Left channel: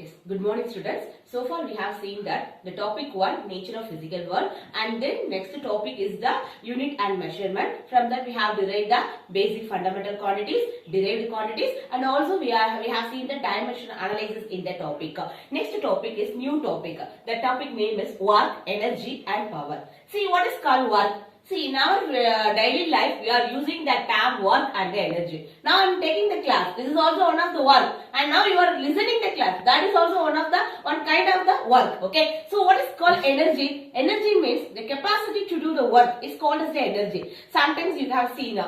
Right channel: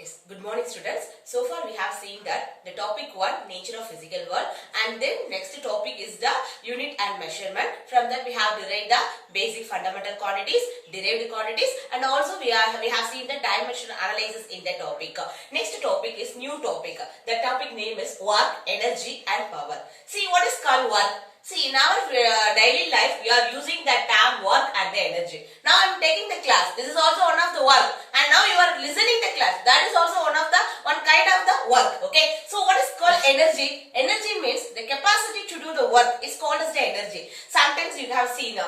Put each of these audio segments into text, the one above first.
Yes, good morning students. So far we have seen that the topic 1 nature of physical world, and then next topic is the unit and measurement. From that we have derived the basic fundamental quantities, derived quantities, and also we have seen the dimensional analysis in the topic. Next topic is new topic. The topic name is work, energy and power. See what is called work. See, in our daily life, we are using the term work and the energy. Now, I am taking the class. This is also one of the work. And now you are listening the class. That is also one kind of the work. Okay. So, what is called energy? Energy means the capacity to do the work is called as the energy. Sometimes you have seen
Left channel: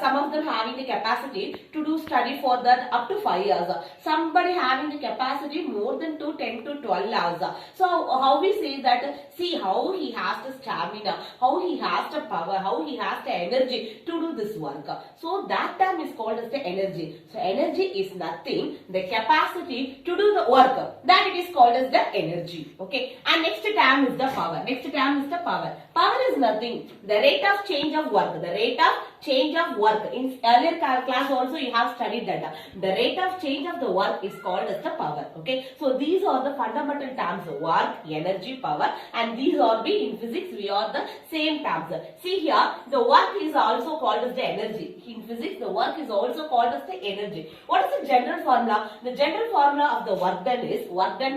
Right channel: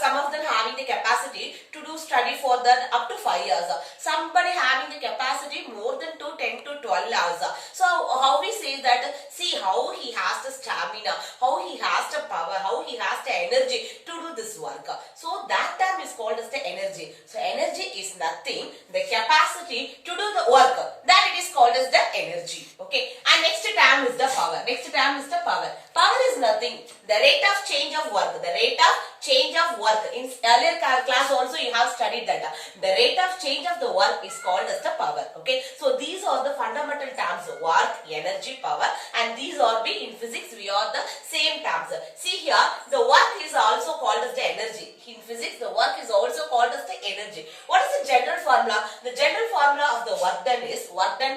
some of them having the capacity to do study for that up to 5 years. Somebody having the capacity more than 10 to 12 hours. So, how we say that? See how he has the stamina, how he has the power, how he has the energy to do this work. So that term is called as the energy. So energy is nothing, the capacity to do the work. That it is called as the energy. Okay. And next term is the power. Next term is the power. Power is nothing, the rate of change of work. The rate of change of work. In earlier class also you have studied that. The rate of change of the work is called as the power. Okay. So these are the fundamental terms: work, energy, power, and these are be in physics we are the same terms. See here, the work is also called as the energy. In physics, the work is also called as the energy. What is the general formula? The general formula of the work done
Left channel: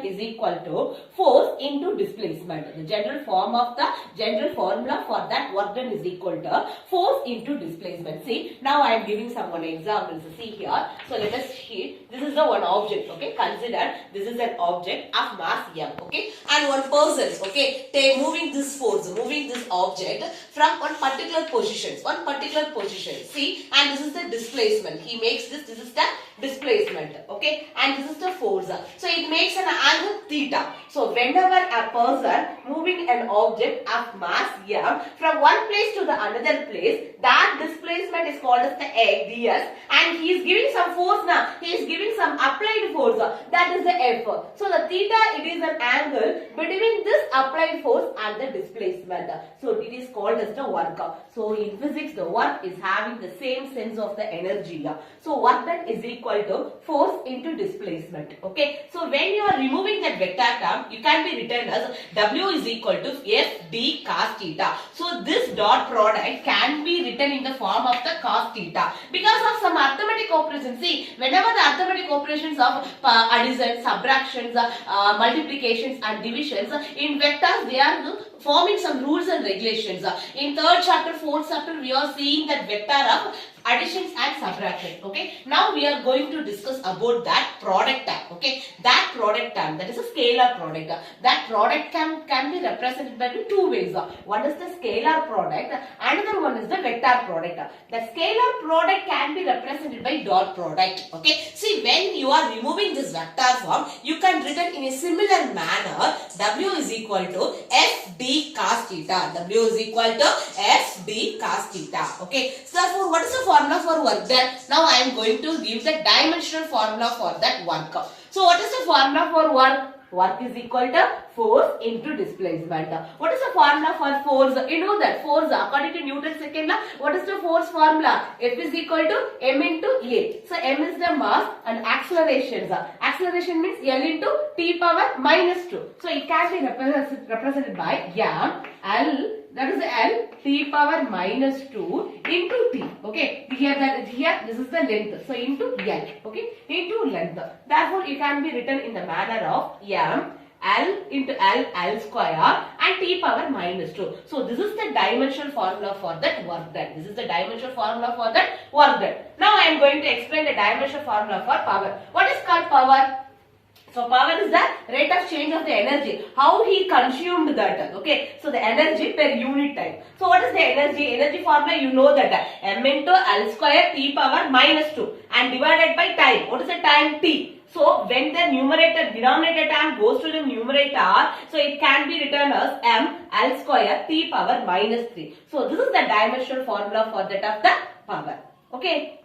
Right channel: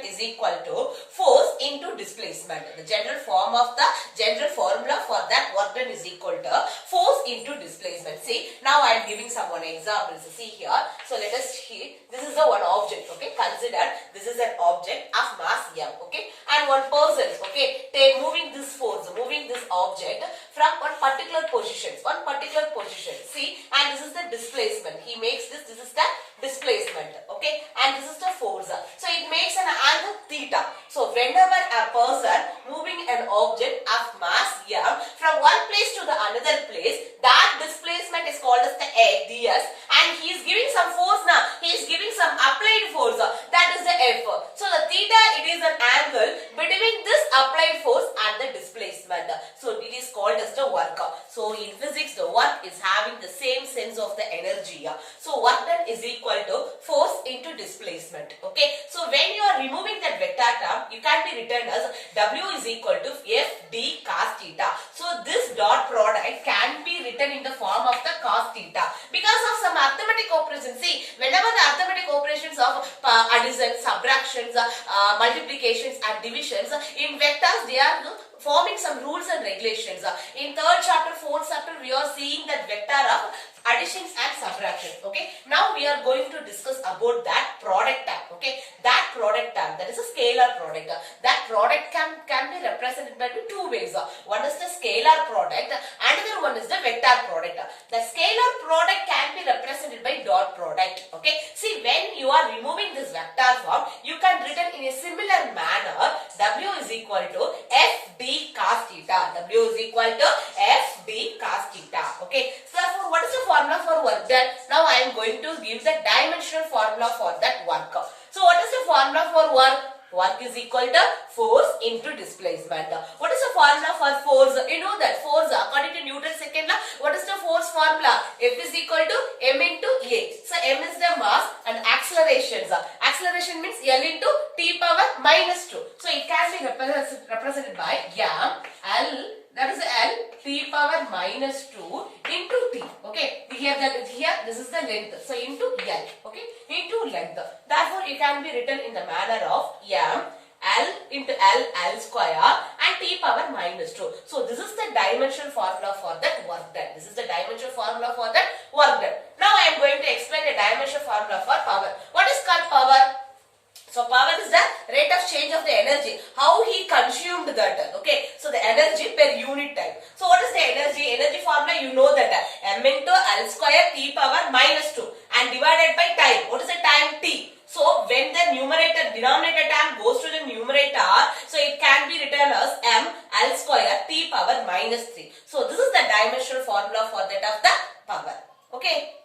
is equal to force into displacement. The general formula for that work done is equal to force into displacement. See, now I am giving some examples. See here. So let us see. This is the one object. Okay, consider this is an object of mass m. Okay, and one person. Okay, moving this object from one particular position. See, and this is the displacement. He makes this. This is the displacement. Okay, and this is the force. So it makes an angle theta. So whenever a person moving an object of mass m from one place to the another place, that displacement is called as the ds, and he is giving some force now. He is giving some applied force. That is the F. So the theta, it is an angle between this applied force and the displacement. So it is called as the work. So in physics, the work is having the same sense of the energy. So work done is equal to force into displacement. Okay. So when you are removing that vector term, you can be written as W is equal to F D cos theta. So this dot product can be written in the form of the cos theta because of some arithmetic operations. See, whenever the arithmetic operations of addition, subtractions, multiplications and divisions in vectors, they are forming some rules and regulations. In third chapter, fourth chapter, we are seeing that vector of additions and subtractions. Okay. Now we are going to discuss about that product term. Okay. That product term, that is a scalar product. That product can be represented by two ways. One is the scalar product, another one is the vector product. The scalar product can be represented by dot product. Okay. See, when you are removing this vector form, you can written in a similar manner. W is equal to F D cos theta. W is equal to F D cos theta. Okay. So therefore, what is the formula for work done? Now I am going to give the dimensional formula for that work. So what is the formula for work? Work is equal to force into displacement. What is the formula for force? You know that force according to Newton's second law. What is the force formula? F is equal to m into a. So m is the mass and accelerations. Acceleration means L into t power minus 2. So it can be represented by m L. That is L t power minus 2 into t. Okay. Here this is the length. So into L. Okay. Into length. Therefore, it can be written in the manner of m L into L square and t power minus 2. So this is the dimensional formula for that work done. This is the dimensional formula for that work done. Now I am going to explain the dimensional formula for power. What is called power? So power is the rate of change of the energy. How he consumed that. Okay. So the energy per unit time. So what is the energy? Energy formula, you know that m into L square t power minus 2 and divided by time. What is the time? T. So when the denominator term goes to the numerator, so it can be written as m L square t power minus 3. So this is the dimensional formula for that of the power. Okay.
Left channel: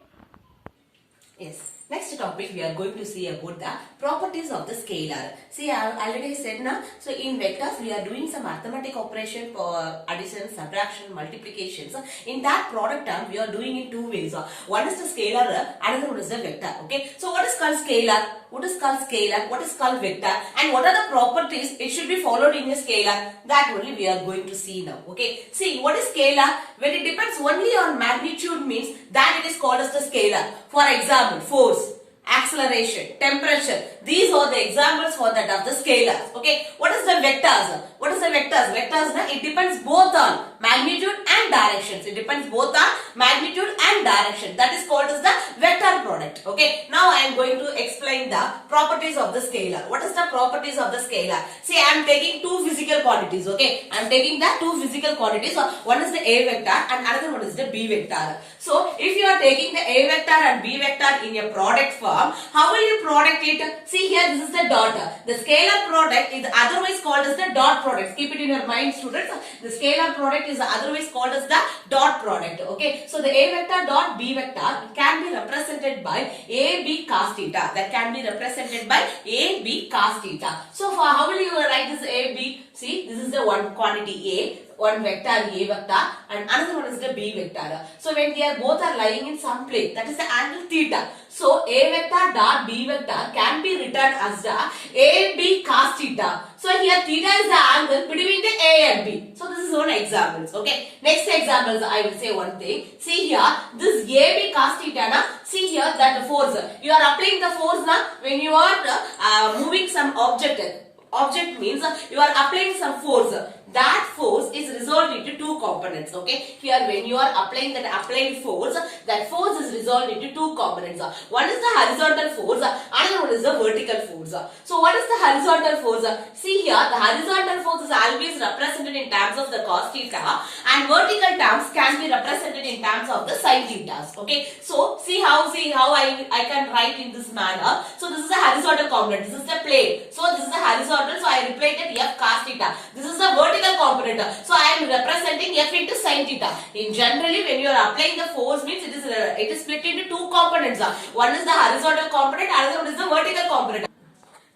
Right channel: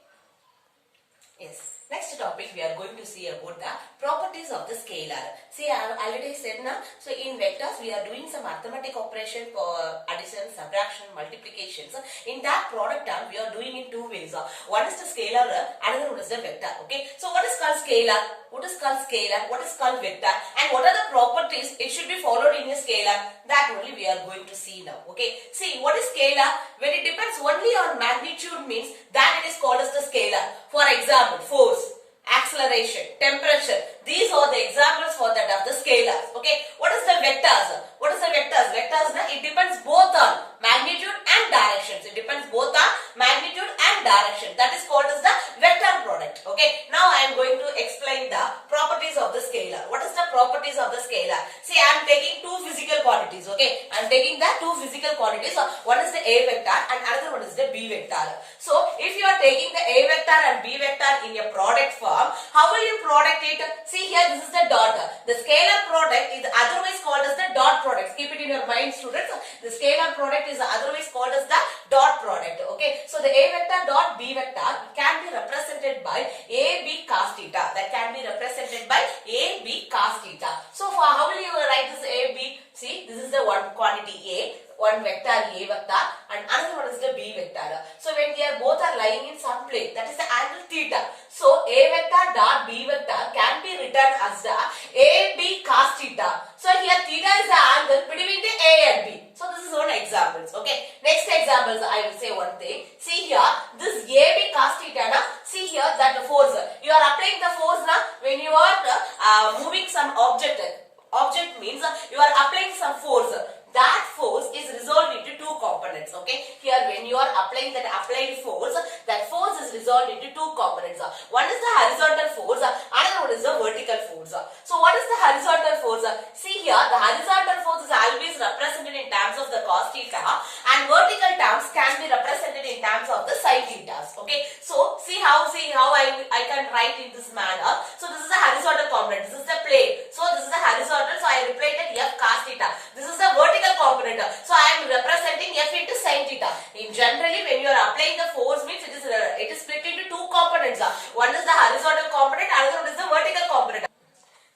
Yes. Next topic we are going to see about the properties of the scalar. See, I have already said now. So in vectors we are doing some arithmetic operation for addition, subtraction, multiplications. In that product term we are doing in two ways. One is the scalar, another one is the vector. Okay. So what is called scalar? What is called scalar? What is called vector? And what are the properties it should be followed in a scalar? That only we are going to see now. Okay. See, what is scalar? When it depends only on magnitude means that it is called as the scalar. For example, force, acceleration, temperature. These are the examples for that of the scalars. Okay. What is the vectors? What is the vectors? Vectors, it depends both on magnitude and directions. It depends both on magnitude and direction. That is called as the vector product. Okay. Now I am going to explain the properties of the scalar. What is the properties of the scalar? See, I am taking two physical quantities. Okay. I am taking the two physical quantities. One is the A vector and another one is the B vector. So if you are taking the A vector and B vector in a product form, how will you product it? See here, this is the dot. The scalar product is otherwise called as the dot product. Keep it in your mind, students. The scalar product is otherwise called as the dot product. Okay. So the A vector dot B vector can be represented by AB cos theta. That can be represented by AB cos theta. So for how will you write this AB? See, this is the one quantity A, one vector A vector, and another one is the B vector. So when they are both are lying in some place, that is the angle theta. So A vector dot B vector can be written as the AB cos theta. So here theta is the angle between the A and B. So this is one examples. Okay. Next examples I will say one thing. See here, this AB cos theta. Na, see here that the force. You are applying the force na when you are moving some object. Object means you are applying some force. That force is resolved into two components. Okay. Here when you are applying that applied force, that force is resolved into two components. One is the horizontal force, another one is the vertical force. So what is the horizontal force? See here, the horizontal force is always represented in terms of the cos theta and vertical terms can be represented in terms of the sin thetas. Okay. So see how I can write in this manner. So this is the horizontal component. This is the plane. So this is the horizontal. So I represented F cos theta. This is the vertical component. So I am representing F into sin theta. In generally, when you are applying the force means it is split into two components. One is the horizontal component, another one is the vertical component.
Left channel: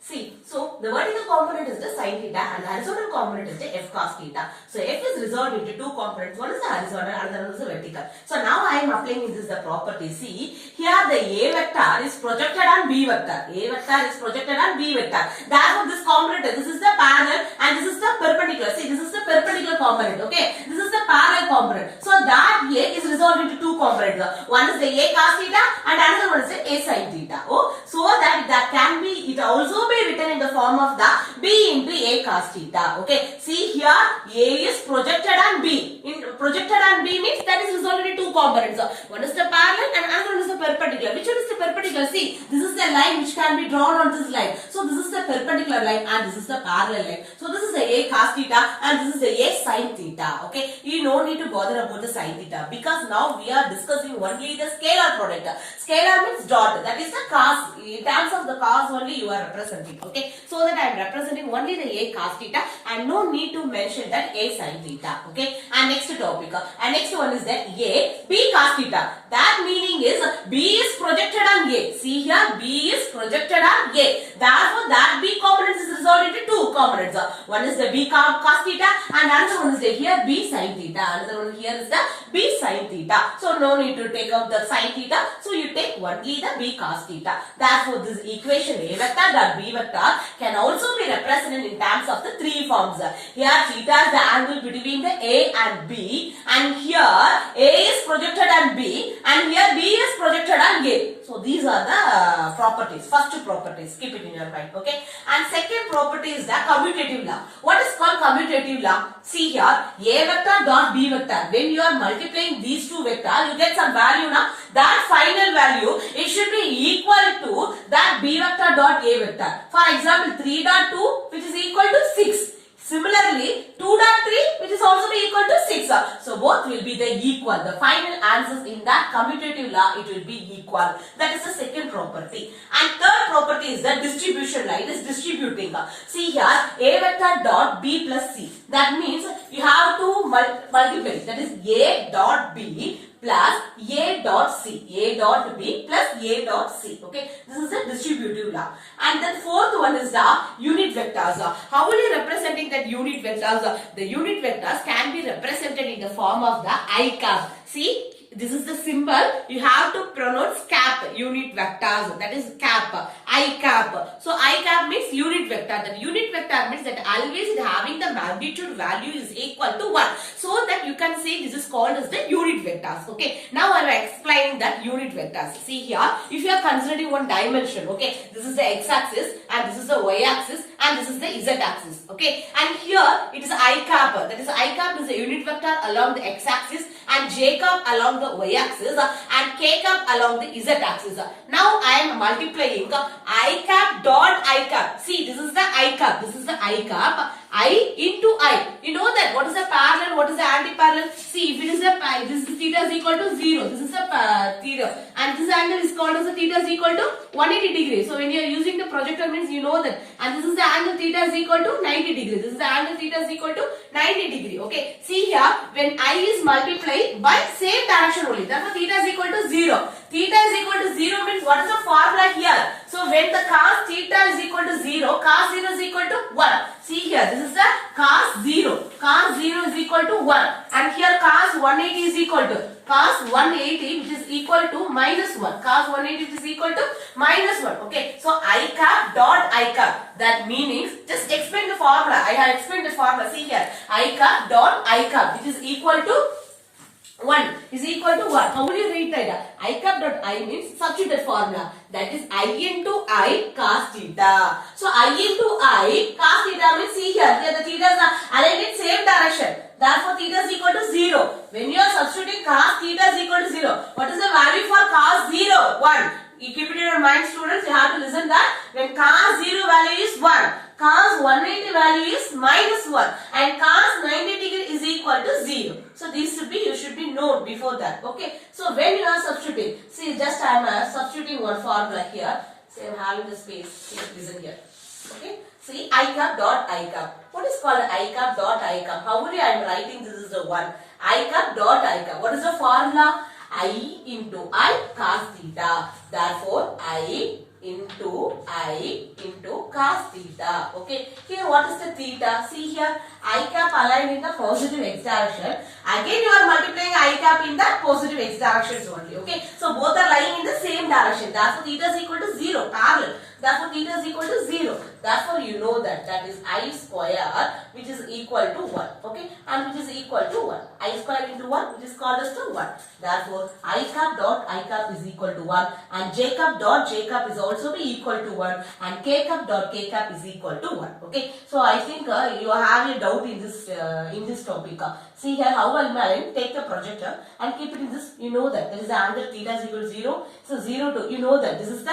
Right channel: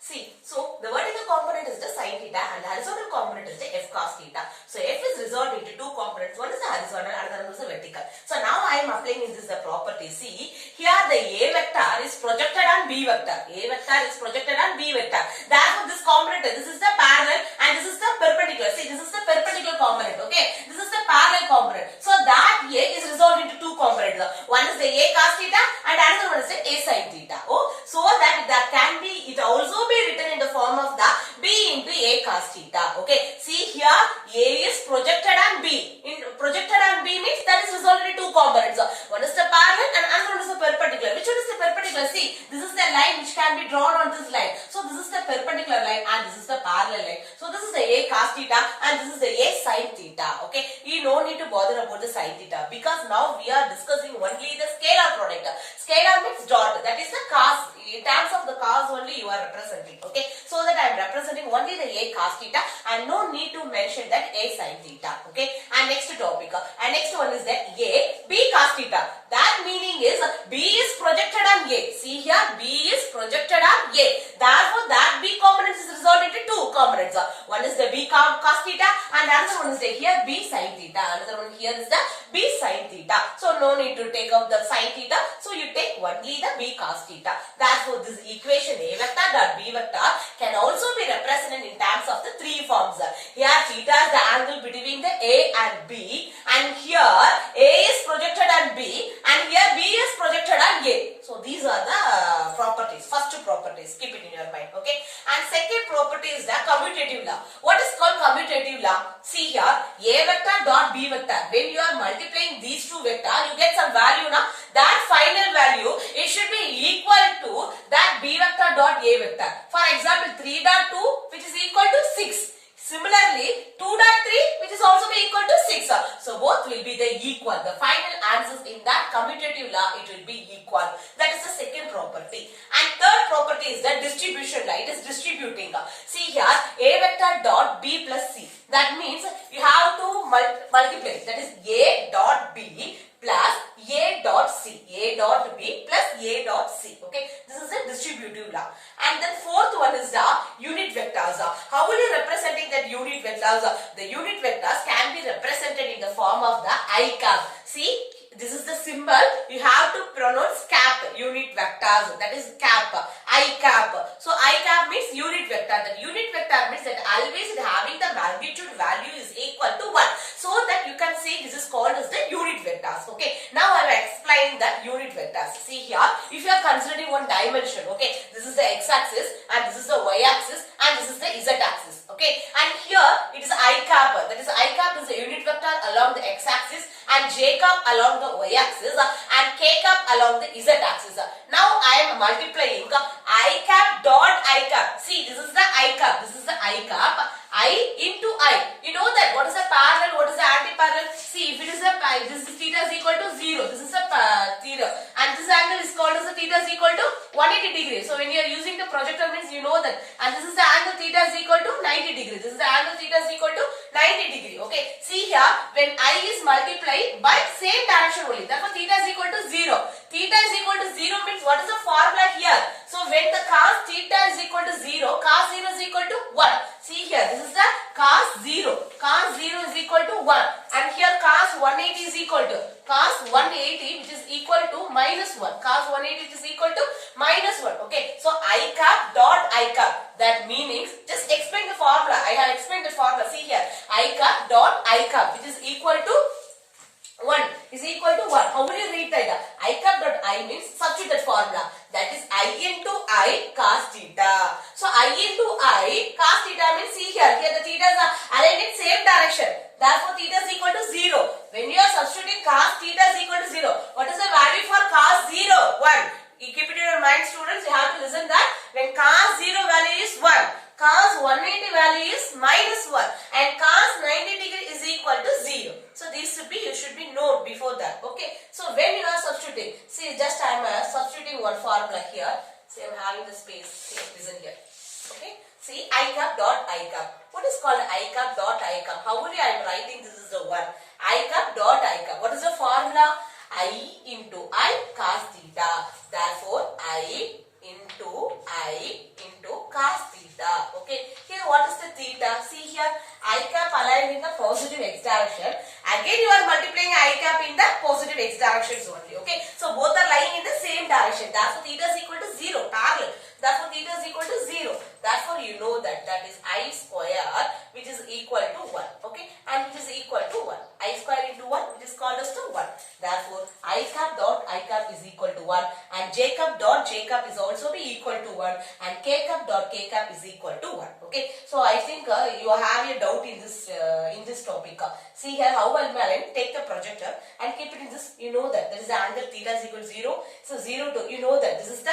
See, so the vertical component is the sin theta and the horizontal component is the F cos theta. So F is resolved into two components. One is the horizontal and another one is the vertical. So now I am applying in this the property. See, here the A vector is projected on B vector. A vector is projected on B vector. Therefore this component, this is the parallel and this is the perpendicular. See, this is the perpendicular component. Okay, this is the parallel component. So that A is resolved into two components. One is the A cos theta and another one is the A sin theta. Oh, so that can be, it also be written in the form of the B into A cos theta. Okay. See here, A is projected on B. Projected on B means that is resolved into two components. One is the parallel and another one is the perpendicular. Which one is the perpendicular? See, this is the line which can be drawn on this line. So this is the perpendicular line and this is the parallel line. So this is the A cos theta and this is the A sin theta. Okay. You no need to bother about the sin theta because now we are discussing only the scalar product. Scalar means dot. That is the cos. In terms of the cos only you are representing. Okay, so that I am representing only the A cos theta and no need to mention that A sin theta. Okay, and next topic, and next one is that A B cos theta. That meaning is B is projected on A. See here, B is projected on A. Therefore, that B component is resolved into two components. One is the B cos theta and another one is the here B sin theta. Another one here is the B sin theta. So no need to take out the sin theta. So you take only the B cos theta. Therefore, this equation A vector dot B vector can also be represented in terms of the three forms. Here theta is the angle between the A and B, and here A is projected on B and here B is projected on A. So these are the properties. First properties, keep it in your mind. Okay. And second property is the commutative law. What is called commutative law? See here, A vector dot B vector. When you are multiplying these two vectors, you get some value now. That final value, it should be equal to that B vector dot A vector. For example, 3 dot 2 which is equal to 6. Similarly, 2.3 which is also be equal to 6. So both will be the equal. The final answers in that commutative law, it will be equal. That is the second property. And third property is the distribution law. It is distributing. See here, A vector dot B plus C. That means you have to multiply. That is A dot B plus A dot C. A dot B plus A dot C. Okay, this is the distributive law. And then fourth one is the unit vectors. How will you representing that unit vectors? The unit vectors can be represented in the form of the I cap. See, this is the symbol. You have to pronounce cap, unit vectors. That is cap, I cap. So I cap means unit vector. That unit vector means that always having the magnitude value is equal to 1. So that you can say this is called as the unit vectors. Okay. Now I will explain that unit vectors. See here, if you are considering one dimension, okay, this is the x-axis and this is the y-axis and this is the z-axis. Okay. And here it is I cap. That is I cap is a unit vector along the x-axis and j cap along the y-axis and k cap along the z-axis. Now I am multiplying I cap dot I cap. See, this is the I cap. This is the I cap. I into I. You know that what is the parallel, what is the anti-parallel? See, if it is a this is theta is equal to 0. This is a theta. And this angle is called as the theta is equal to 180 degrees. So when you are using the projector means you know that. And this is the angle theta is equal to 90 degrees. This is the angle theta is equal to 90 degree. Okay. See here, when I is multiplied by same direction only. Therefore theta is equal to 0. Theta is equal to 0 means what is the formula here? So when the cos theta is equal to 0, cos 0 is equal to 1. See here, this is the cos 0. Cos 0 is equal to 1. And here cos 180 is equal to cos 180 which is equal to minus 1. Cos 180 is equal to minus 1. Okay. So I cap dot I cap. That meanings, just explain the formula. I have explained the formula. See here, I cap dot I cap which is equal to 1 is equal to 1. How will you read that? I cap dot I means substitute formula. That is I into I cos theta. So I into I cos theta means see here. Here the thetas are aligned in same direction. Therefore theta is equal to 0. When you are substituting cos theta is equal to 0. What is the value for cos 0? 1. You keep it in your mind, students. You have to listen that when cos 0 value is 1. Cos 180 value is minus 1 and cos 90 degree is equal to 0. So these should be, you should be known before that. Okay. So when you are substituting, see just I am substituting one formula here. See I am having the space. Here, listen here. Okay. See I cap dot I cap. What is called I cap dot I cap? How will I am writing this is the one. I cap dot I cap. What is the formula? I into I cos theta. Therefore I into cos theta. Okay. Here what is the theta? See here I cap aligned in the positive x direction. Again you are multiplying I cap in the positive x directions only. Okay. So both are lying in the same direction. Therefore theta is equal to 0. Parallel. Therefore theta is equal to 0. Therefore you know that is I square which is equal to 1. Okay. And which is equal to 1. I square into 1 which is called as to 1. Therefore I cap dot I cap is equal to 1 and j cap dot j cap is also be equal to 1 and k cap dot k cap is equal to 1. Okay. So I think you have a doubt in this topic. See here how I will take the projector and keep it in this. You know that is the angle theta is equal to 0. So 0 to, you know that this is the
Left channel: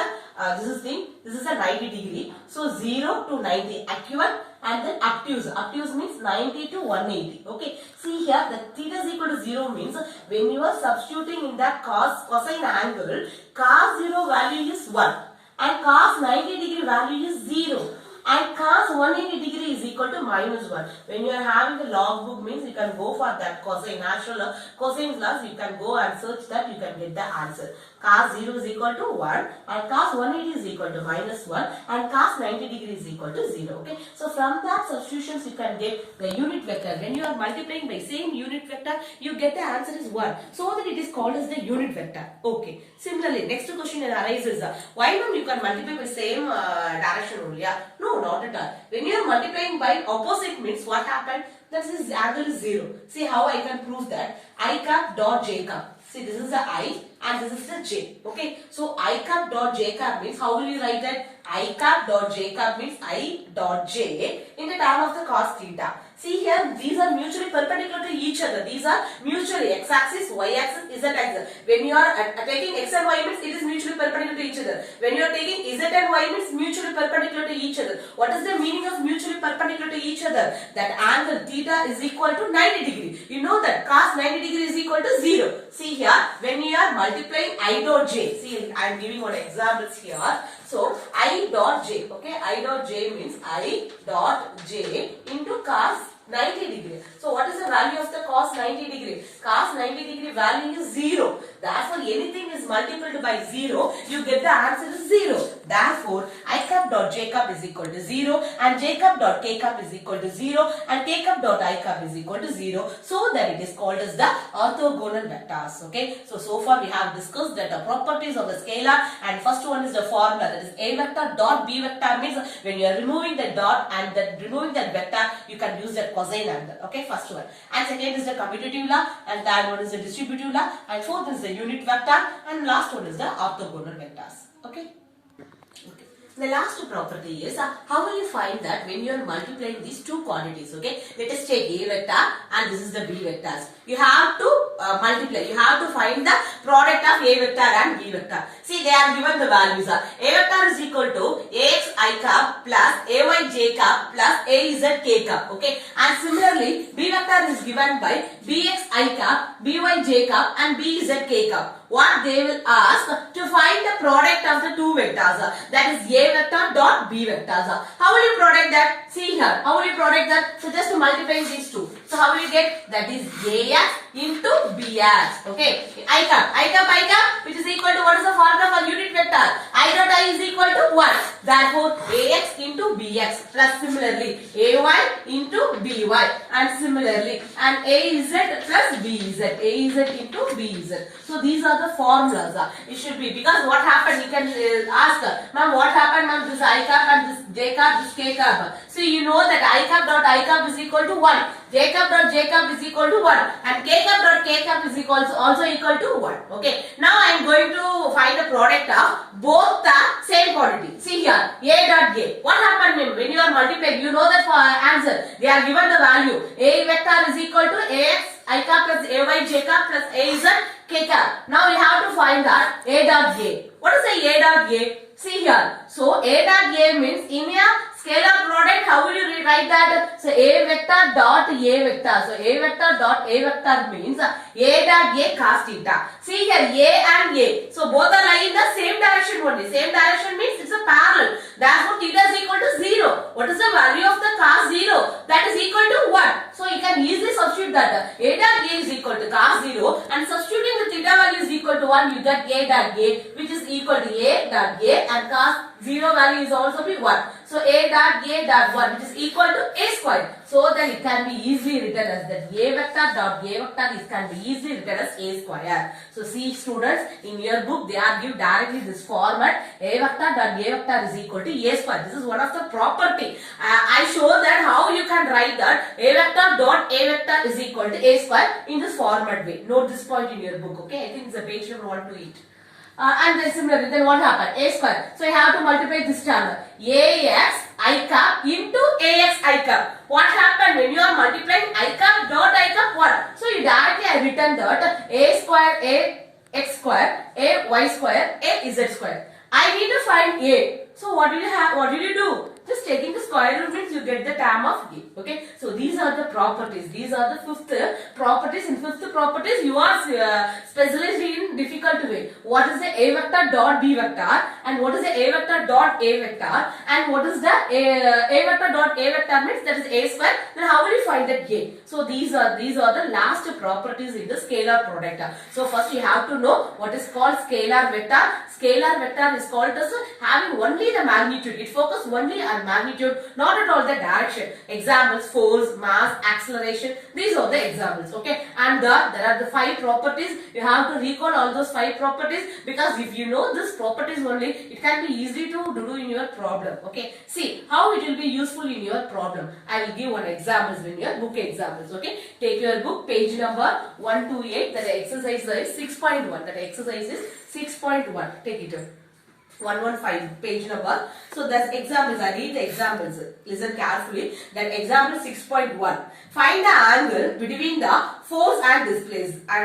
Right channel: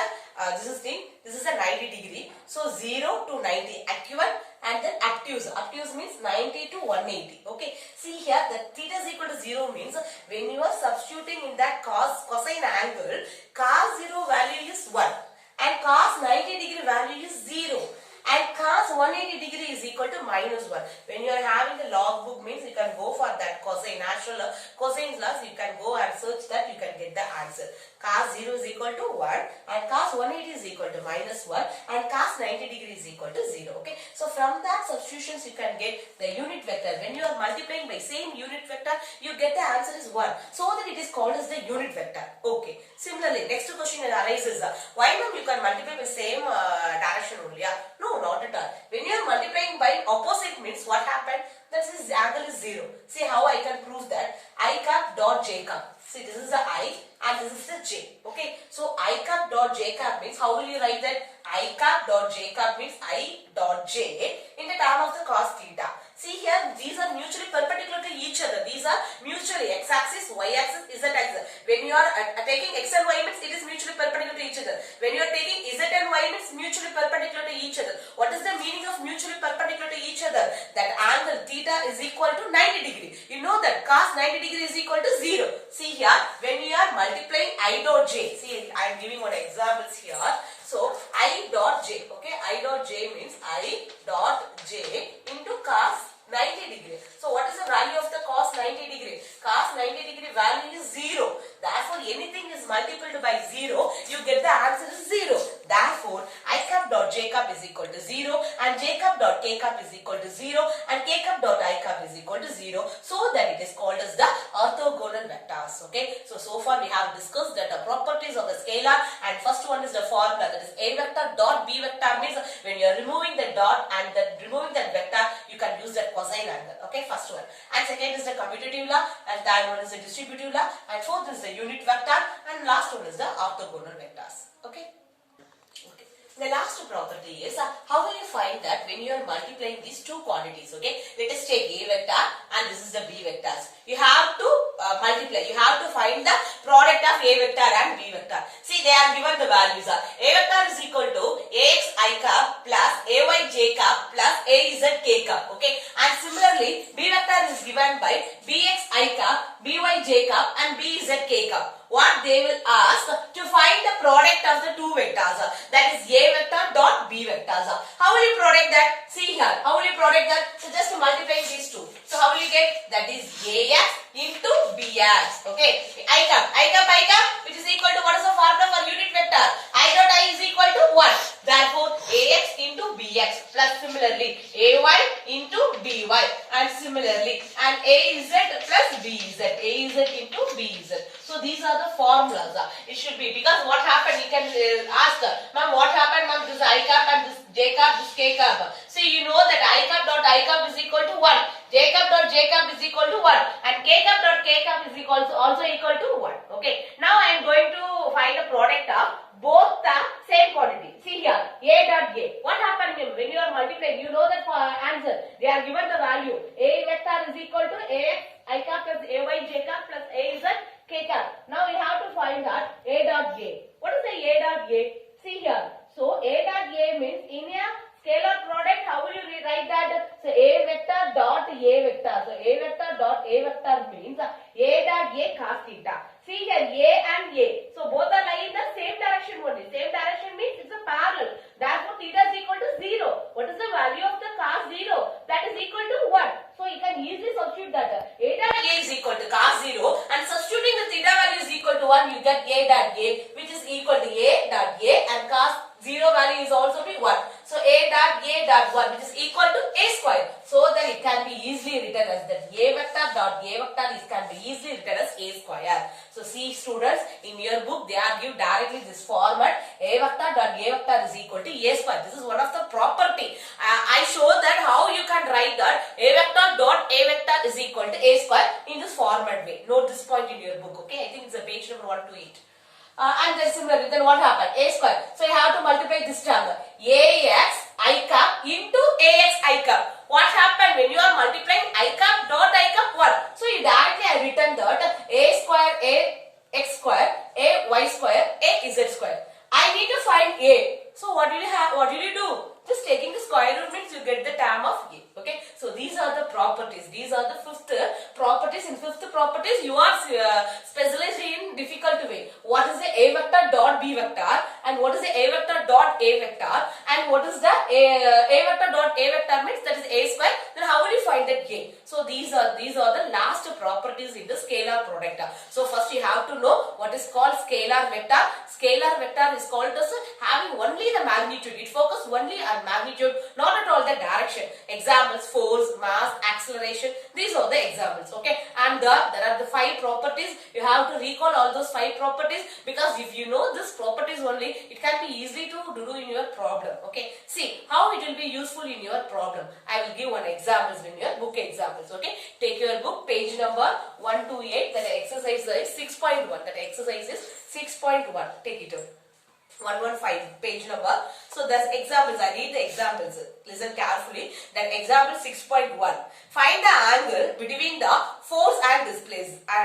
this is a 90 degree. So 0 to 90 acute and then obtuse. Obtuse means 90 to 180. Okay. See here the theta is equal to 0 means when you are substituting in that cosine angle, cos 0 value is 1 and cos 90 degree value is 0. And cos 180 degree is equal to minus 1. When you are having the log book means you can go for that cosine natural cosine laws, you can go and search that, you can get the answer. Cos 0 is equal to 1 and cos 180 is equal to minus 1 and cos 90 degree is equal to 0. Okay. So from that substitutions you can get the unit vector. When you are multiplying by same unit vector, you get the answer is 1. So that it is called as the unit vector. Okay. Similarly, next question arises. Why not you can multiply by same direction only? No, not at all. When you are multiplying by opposite means what happened? That is angle is 0. See how I can prove that. I cap dot j cap. See this is the I and this is the j. Okay. So I cap dot j cap means how will you write that? I cap dot j cap means I dot j in the term of the cos theta. See here these are mutually perpendicular to each other. These are mutually x-axis, y-axis, z-axis. When you are taking x and y means it is mutually perpendicular to each other. When you are taking z and y means mutually perpendicular to each other. What is the meaning of mutually perpendicular to each other? That angle theta is equal to 90 degree. You know that cos 90 degree is equal to 0. See here when you are multiplying I dot j. See I am giving one examples here. So I dot j. Okay. I dot j means I dot j into cos 90 degree. So what is the value of the cos 90 degree? Cos 90 degree value is 0. Therefore, anything is multiplied by 0, you get the answer is 0. Therefore, I cup dot j cup is equal to 0 and j cup dot k cup is equal to 0 and k cup dot I cup is equal to 0. So that it is called as the orthogonal vectors. Okay. So far we have discussed that the properties of the scalar, and first one is the formula, that is A vector dot B vector means when you are removing the dot and removing that vector, you can use that cosine angle. Okay, first one. And second is the commutative law, and third one is the distributive law, and fourth is the unit vector, and last one is the orthogonal vectors. Okay. Okay. The last property is how will you find that when you are multiplying these two quantities? Okay, let us take A vector and this is the B vectors. You have to multiply. You have to find the product of A vector and B vector. See, they are given the values. A vector is equal to Ax I cup plus Ay j cup plus Az k cup. Okay, and similarly B vector is given by Bx I cup, By j cup and Bz k cup. What they will ask to find the product of the two vectors, that is A vector dot B vectors. How will you product that? See here, how will you product that? So just multiply these two. So how will you get? That is Ax into Bx. Okay, I cup, which is equal to, what is the formula for unit vector? I dot I is equal to 1. Therefore, Ax into Bx plus similarly Ay into By and similarly and Az plus Bz, Az into Bz. So these are the formulas. It should be, because what happened, you can ask, ma'am, what happened, ma'am, this I cup and this j cup, this k cup. See, you know that I cup dot I cup is equal to 1, j cup dot j cup is equal to 1 and k cup dot k cup is also equal to 1. Okay, now I am going to find the product of both the same quantity. See here, A dot A. What happened when you are multiplying? You know that for answer, they are given the value. A vector is equal to Ax I cup plus Ay j cup plus Az k cup. Now we have to find that A dot A. What is a dot A? See here. So A dot A means in a scalar product, how will you rewrite that? So A vector dot A vector. So A vector dot A vector means A dot A cos theta. See here, A and A. So both are lying in the same direction only. Same direction means it's a parallel. Therefore, theta is equal to 0. What is the value of the cos 0? That is equal to 1. So you can easily substitute that. A dot A is equal to cos 0 and substituting the theta value is equal to 1, you get A dot A, which is equal to A dot A, and cos 0 value is also be 1. So A dot 1, which is equal to A square. So that it can be easily written as that A vector dot A vector can be easily written as A square. So see students, in your book they are give directly this format, A vector dot A vector is equal to A square. This is one of the property. I show that how you can write that A vector dot A vector is equal to A square in this format way. Note this point in your book. Okay, I think it's a page number 1 to 8. And then similarly, then what happened? A square. So you have to multiply this term. Ax I cup into Ax I cup. What happened when you are multiplying I cup dot I cup 1? So you directly I written that A square A x square A y square A z square. I need to find A. So what will you have? What will you do? Just taking the square root means you get the term of A. Okay. So these are the properties. These are the fifth properties. In fifth properties, you are specialized in difficult way. What is the A vector dot B vector and what is the A vector dot A vector and what is the A vector dot A vector means that is A square. Then how will you find that A? So these are the last properties in the scalar product. So first you have to know what is called scalar vector. Scalar vector is called as having only the magnitude. It focuses only on magnitude, not at all the direction. Examples: force, mass, acceleration. These are the examples. Okay, and there are the 5 properties. You have to recall all those 5 properties, because if you know this properties only, it can be easy to do in your problem. Okay, see how it will be useful in your problem. I will give one examples in your book examples. Okay, take your book page number 128. That exercise is 6.1. That exercise is 6.1. Take it out. 115 page number. So that's examples. I read the examples. Listen carefully. That example 6.1. Find the angle between the force and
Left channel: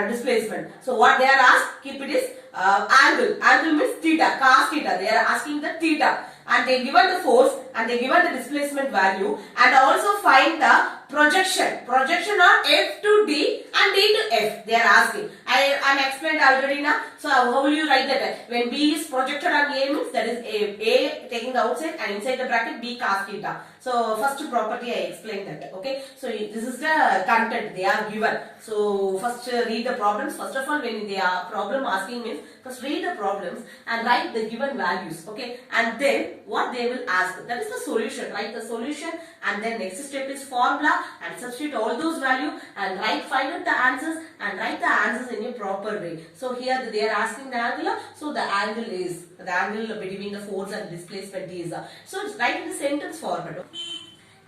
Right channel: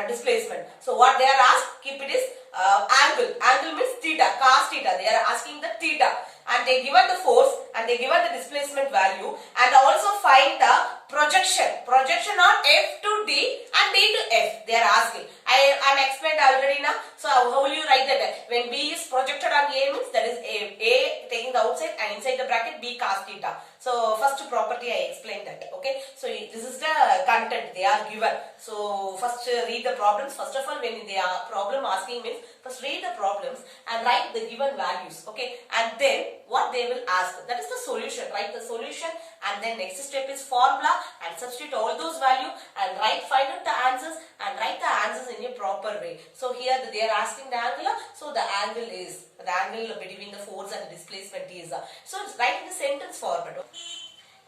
displacement. So what they are asked, keep it is angle. Angle means theta, cos theta. They are asking the theta. And they given the force and they given the displacement value, and also find the projection on F to D and D to F. They are asking. I am explained already now. So how will you write that? When B is projected on A means that is A taking the outside and inside the bracket B cos theta. So first property I explained that. Okay. So this is the content they are given. So first read the problems. First of all, when they are problem asking means first read the problems and write the given values. Okay. And then what they will ask, that is the solution. Write the solution and then next step is formula and substitute all those values and find out the answers and write the answers in a proper way. So here they are asking the angle. So the angle between the force and the displacement is. So write in the sentence format.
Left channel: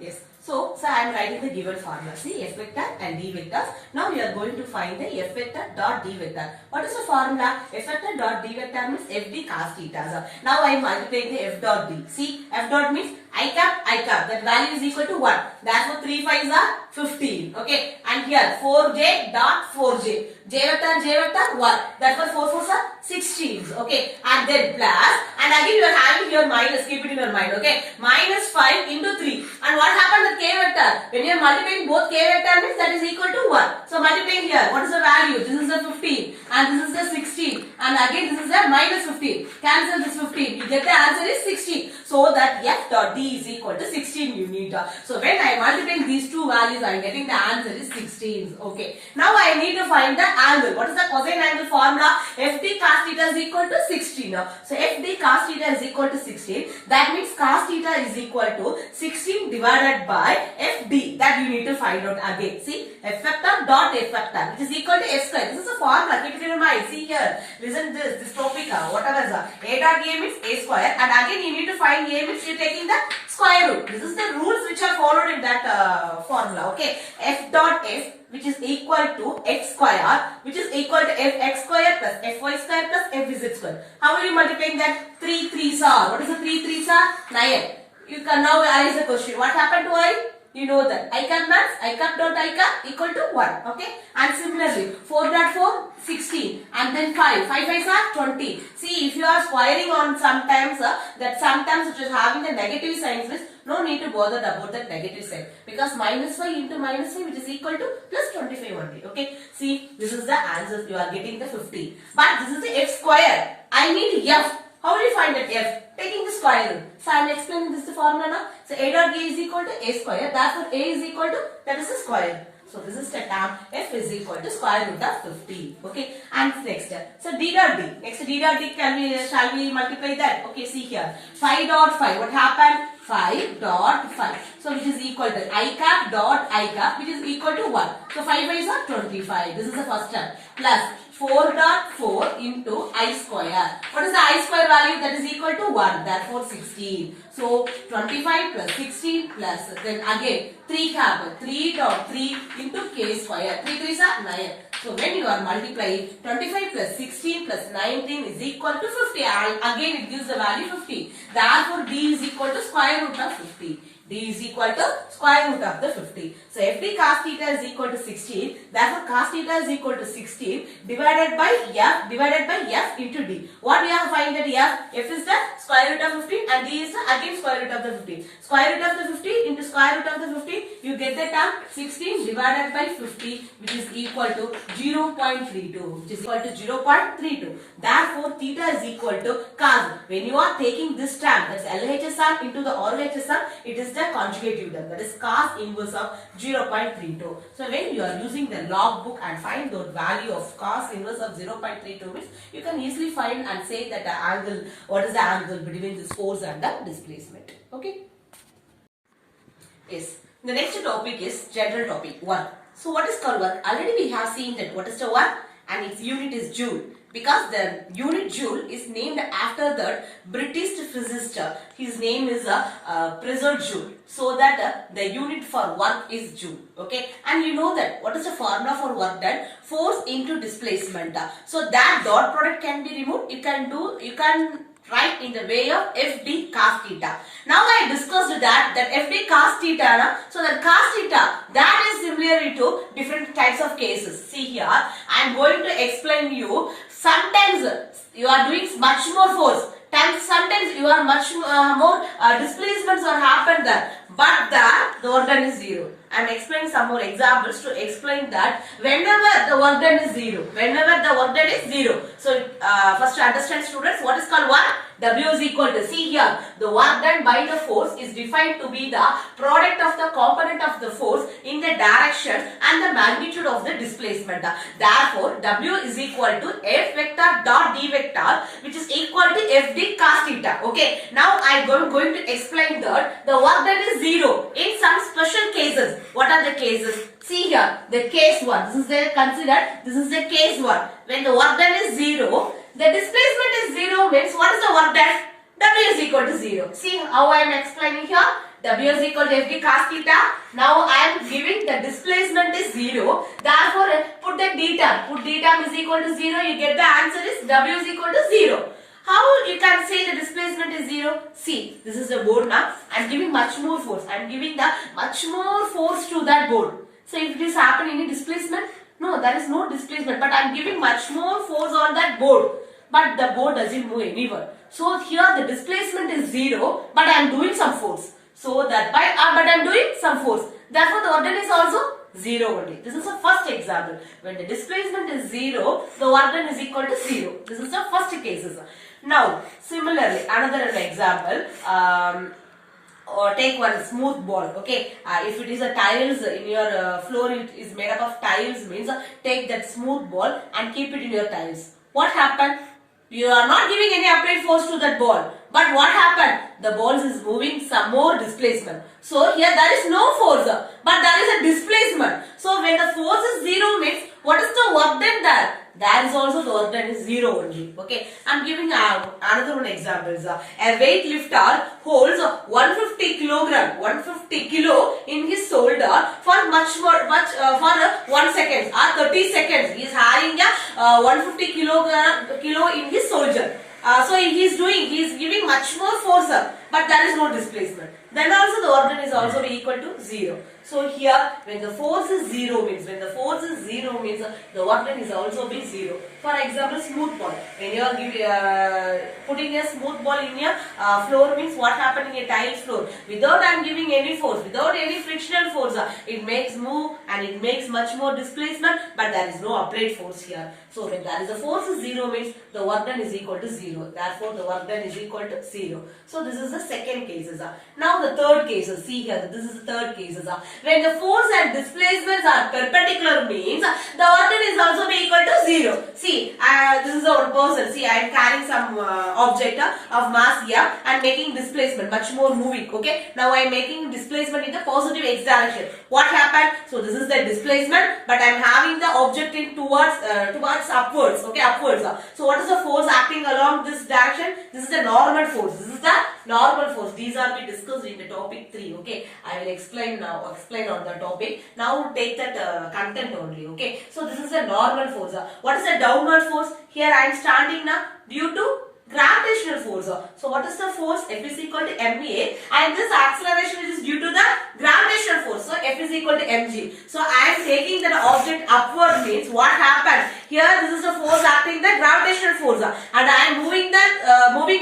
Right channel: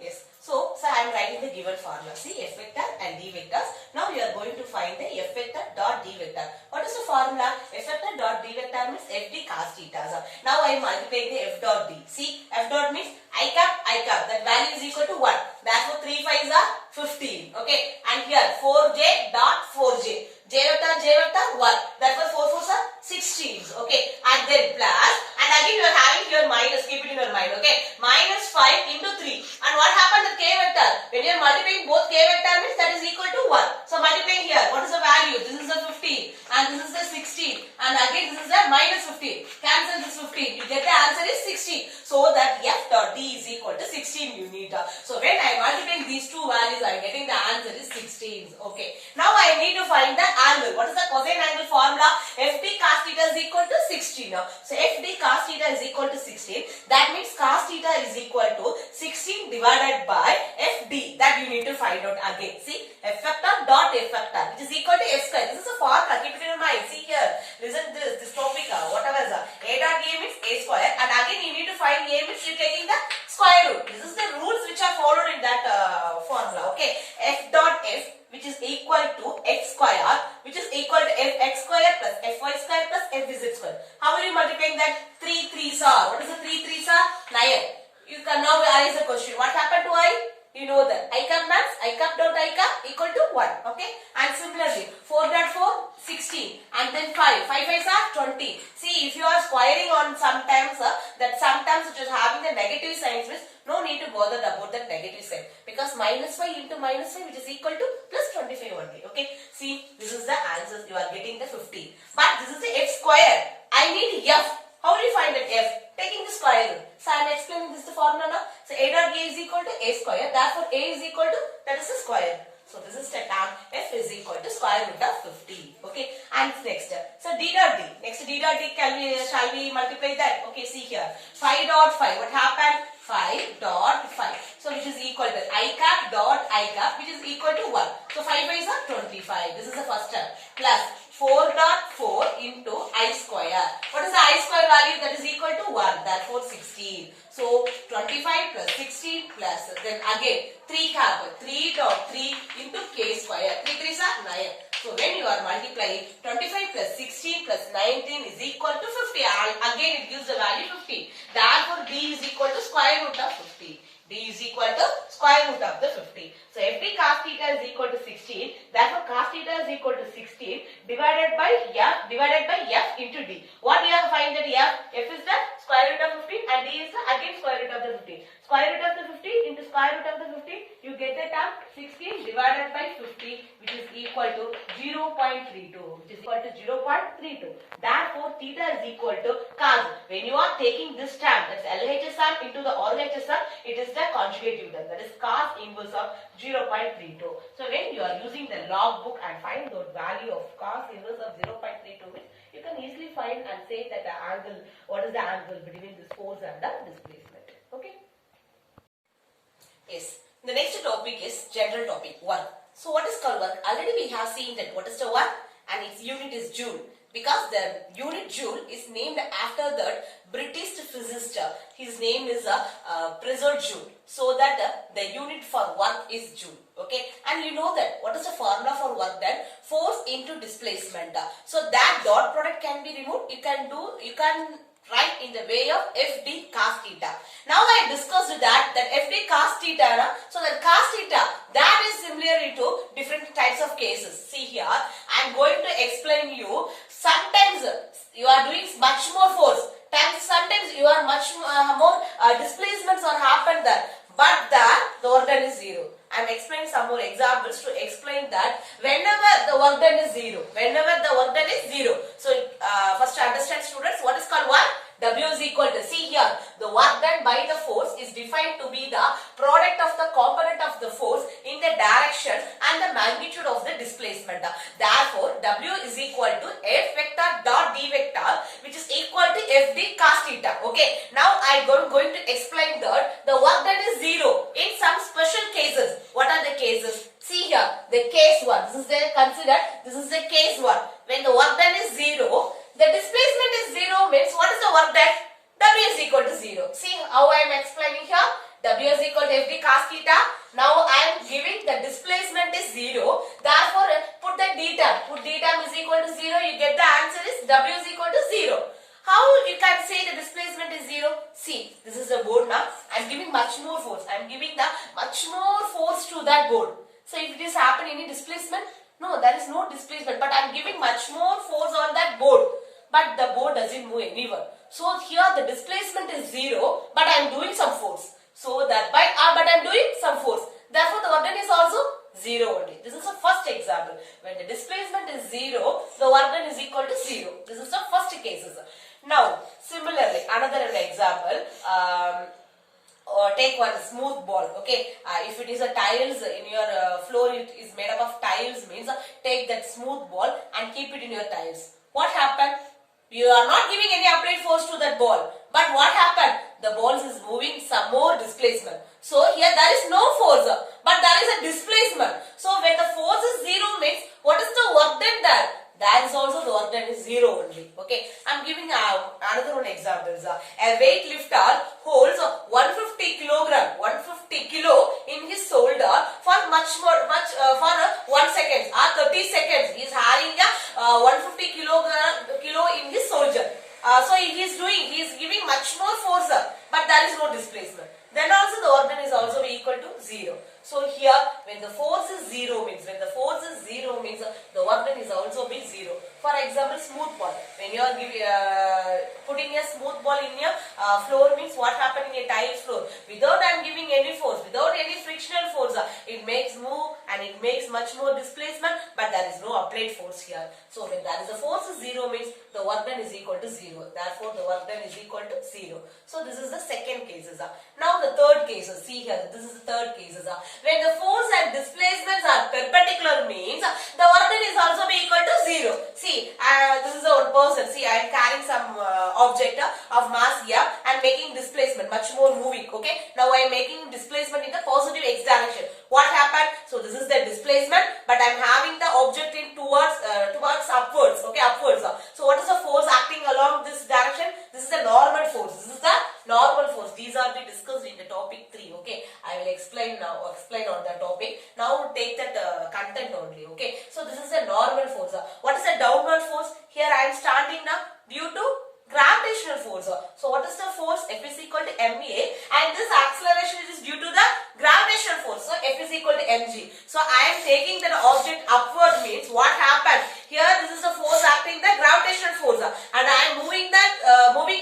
Yes. So I am writing the given formula. See, F vector and D vectors. Now we are going to find the F vector dot D vector. What is the formula? F vector dot D vector means FD cos theta. Now I am multiplying the F dot D. See, F dot means I cap. That value is equal to 1. Therefore 3 5s are 15. Okay. And here 4j dot 4j. J vector 1. Therefore 4 4s are 16. Okay. And then plus. And again you are having here minus. Keep it in your mind. Okay. Minus 5 into 3. And what happened with k vector? When you are multiplying both k vector means that is equal to 1. So multiplying here. What is the value? This is the 15. And this is the 16. And again this is the minus 15. Cancel this 15. You get the answer is 16. So that F dot D is equal to 16 you need. So when I am multiplying these two values, I am getting the answer is 16. Okay. Now I need to find the angle. What is the cosine angle formula? FD cos theta is equal to 16. So FD cos theta is equal to 16. That means cos theta is equal to 16 divided by FD. That you need to find out again. See, F vector dot F vector which is equal to S square. This is a formula. Keep it in your mind. See here. Listen this topic. Whatever is A dot A means A square. And again you need to find A means you are taking the square root. This is the rules which are followed in that formula. Okay. F dot F which is equal to x square which is equal to fx square plus fy square plus fz square. How will you multiply that? 3 3s are. What is the 3 3s are? 9. You can now ask the question. What happened to I? You know that I cap max, I cap dot I cap equal to 1. Okay. And similarly 4 dot 4 16 and then 5 5s are 20. See, if you are squaring on sometimes it is having the negative signs means no need to bother about that negative sign because minus 5 into minus 5 which is equal to plus 25 only. Okay. See, this is the answers you are getting the 50. But this is the f square. I need f. How will you find that f? Taking the square root. So I am explaining this the formula now. So a dot a is equal to a square. Therefore a is equal to that is the square. So this is the term f is equal to square root of 50. Okay. And next. So d dot d. Next d dot d shall we multiply that? Okay. See here. 5 dot 5. What happened? 5 dot 5. So which is equal to I cap dot I cap which is equal to 1. So 5 5s are 25. This is the first term. Plus 4 dot 4 into I square. What is the I square value? That is equal to 1. Therefore 16. So 25 plus 16 plus then again 3 cap 3 dot 3 into k square. 3 3s are 9. So when you are multiplying 25 plus 16 plus 19 is equal to 50. Again it gives the value 50. Therefore d is equal to square root of 50. D is equal to square root of the 50. So FD cos theta is equal to 16. Therefore cos theta is equal to 16 divided by F into D. What we have to find that F is the square root of 50 and D is the again square root of the 50. Square root of the 50 into square root of the 50, you get the term 16 divided by 50 which is equal to 0.32 which is equal to 0.32. Therefore theta is equal to cos. When you are taking this term, that's LHS sum into the RHS sum, it is the conjugative term, that is cos inverse of 0.32. So when you are using the log book and find the value of cos inverse of 0.32 means you can easily find and say that the angle, what is the angle between this force and the displacement. Okay. Yes. The next topic is general topic 1. So what is called work? Already we have seen that what is the work and its unit is joule. Because the unit joule is named after the British physicist. His name is Prizard Joule. So that the unit for work is joule. Okay. And you know that what is the formula for work done? Force into displacement. So that dot product can be removed. You can write in the way of FD cos theta. Now I discussed that FD cos theta, so that cos theta, that is similar to different types of cases. See here, I am going to explain you. Sometimes you are doing much more force. Sometimes you are much more displacements are happened there. But the the work done is 0. I am explaining some more examples to explain that whenever the work done is 0, whenever the work done is 0. So first to understand students what is called work. W is equal to, see here, the work done by the force is defined to be the product of the component of the force in the direction and the magnitude of the displacement. Therefore, W is equal to F vector dot D vector, which is equal to FD cos theta. Okay, now I am going to explain that the work done is 0 in some special cases. What are the cases? See here, the case 1. This is the considered, this is the case 1. When the work done is 0, the displacement is 0 means what is the work done? W is equal to 0. See how I am explaining here. W is equal to FD cos theta. Now I am giving the displacement is 0. Therefore, put the d term. Put d term is equal to 0. You get the answer is W is equal to 0. How you can say the displacement is 0? See, this is a board now. I am giving much more force. I am giving the much more force to that board. So if this happen any displacement? No, there is no displacement. But I am giving much more force on that board. But the board doesn't move anywhere. So here the displacement is 0. But I am doing some force. So that by but I am doing some force. Therefore the work done is also 0 only. This is the first example. When the displacement is 0, the work done is equal to 0. This is the first cases. Now similarly another example. Or take one smooth ball. Okay, if it is a tiles in your floor, it is made up of tiles, means take that smooth ball and keep it in your tiles. What happened? You are not giving any applied force to that ball, but what happened? The ball is moving some more displacement. So here there is no force, but there is a displacement. So when the force is 0 means what is the work done there? That is also the work done is 0 only. Okay, I am giving another one examples. A weightlifter holds 150 kilo in his shoulder for for 1 second or 30 seconds. He is having a 150 kilo in his shoulder. So he is giving much more force, but there is no displacement. Then also the work done is also equal to 0. So here when the force is 0 means the work done is also be 0. For example, smooth ball. When you are putting a smooth ball in your floor means what happened in a tile floor. Without I am giving any force, without any frictional force, it makes move and it makes much more displacement, but there is no applied force here. So when there is a force is 0 means the work done is equal to 0. Therefore the work done is equal to 0. So this is the second cases. Now the third cases. See here, this is the third cases. When the force and displacements are perpendicular means the work done is also be equal to 0. See, this is a person. See, I am carrying some object of mass here and making displacement much more moving. Okay. Now I am making displacement in the positive x direction. What happened? So this is the displacement, but I am having the object in towards upwards. Okay, upwards. So what is the force acting along this direction? This is the normal force. This is the normal force. These are be discussed in the topic 3. Okay, I will explain now. Explain on the topic. Now take that content only. Okay, so this is the normal force. What is the downward force? Here I am standing now due to gravitational force. So what is the force? F is equal to ma, and this acceleration is due to the gravitational force. So F is equal to mg. So I am taking that object upward means what happened? Here this is the force acting the gravitational force, and I am moving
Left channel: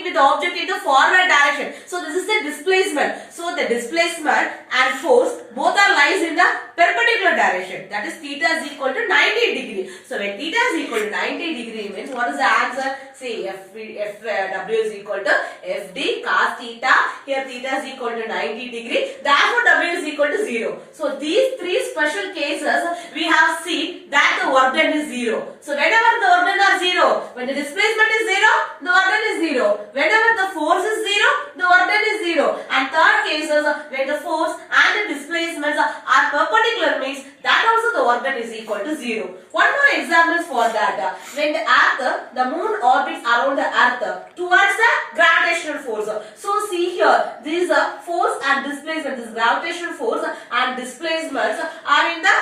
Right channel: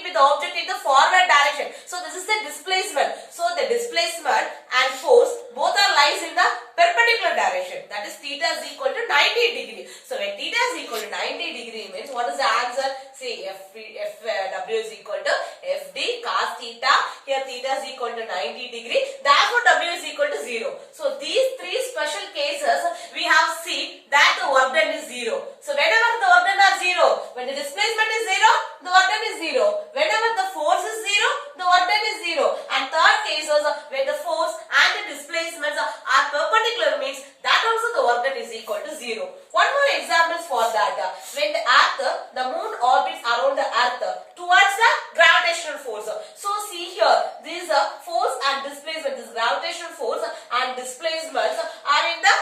with the object in the forward direction. So this is the displacement. So the displacement and force both are lies in the perpendicular direction. That is theta is equal to 90 degree. So when theta is equal to 90 degree means what is the answer? See, W is equal to FD cos theta. Here theta is equal to 90 degree. Therefore W is equal to 0. So these three special cases we have seen that the work done is 0. So whenever the work done are 0, when the displacement is 0, the work done is 0. Whenever the force is 0, the work done is 0. And third cases when the force and the displacements are perpendicular means that also the work done is equal to 0. One more example for that. When the moon orbits around the earth towards the gravitational force. So see here, these force and displacement, this gravitational force and displacements are in the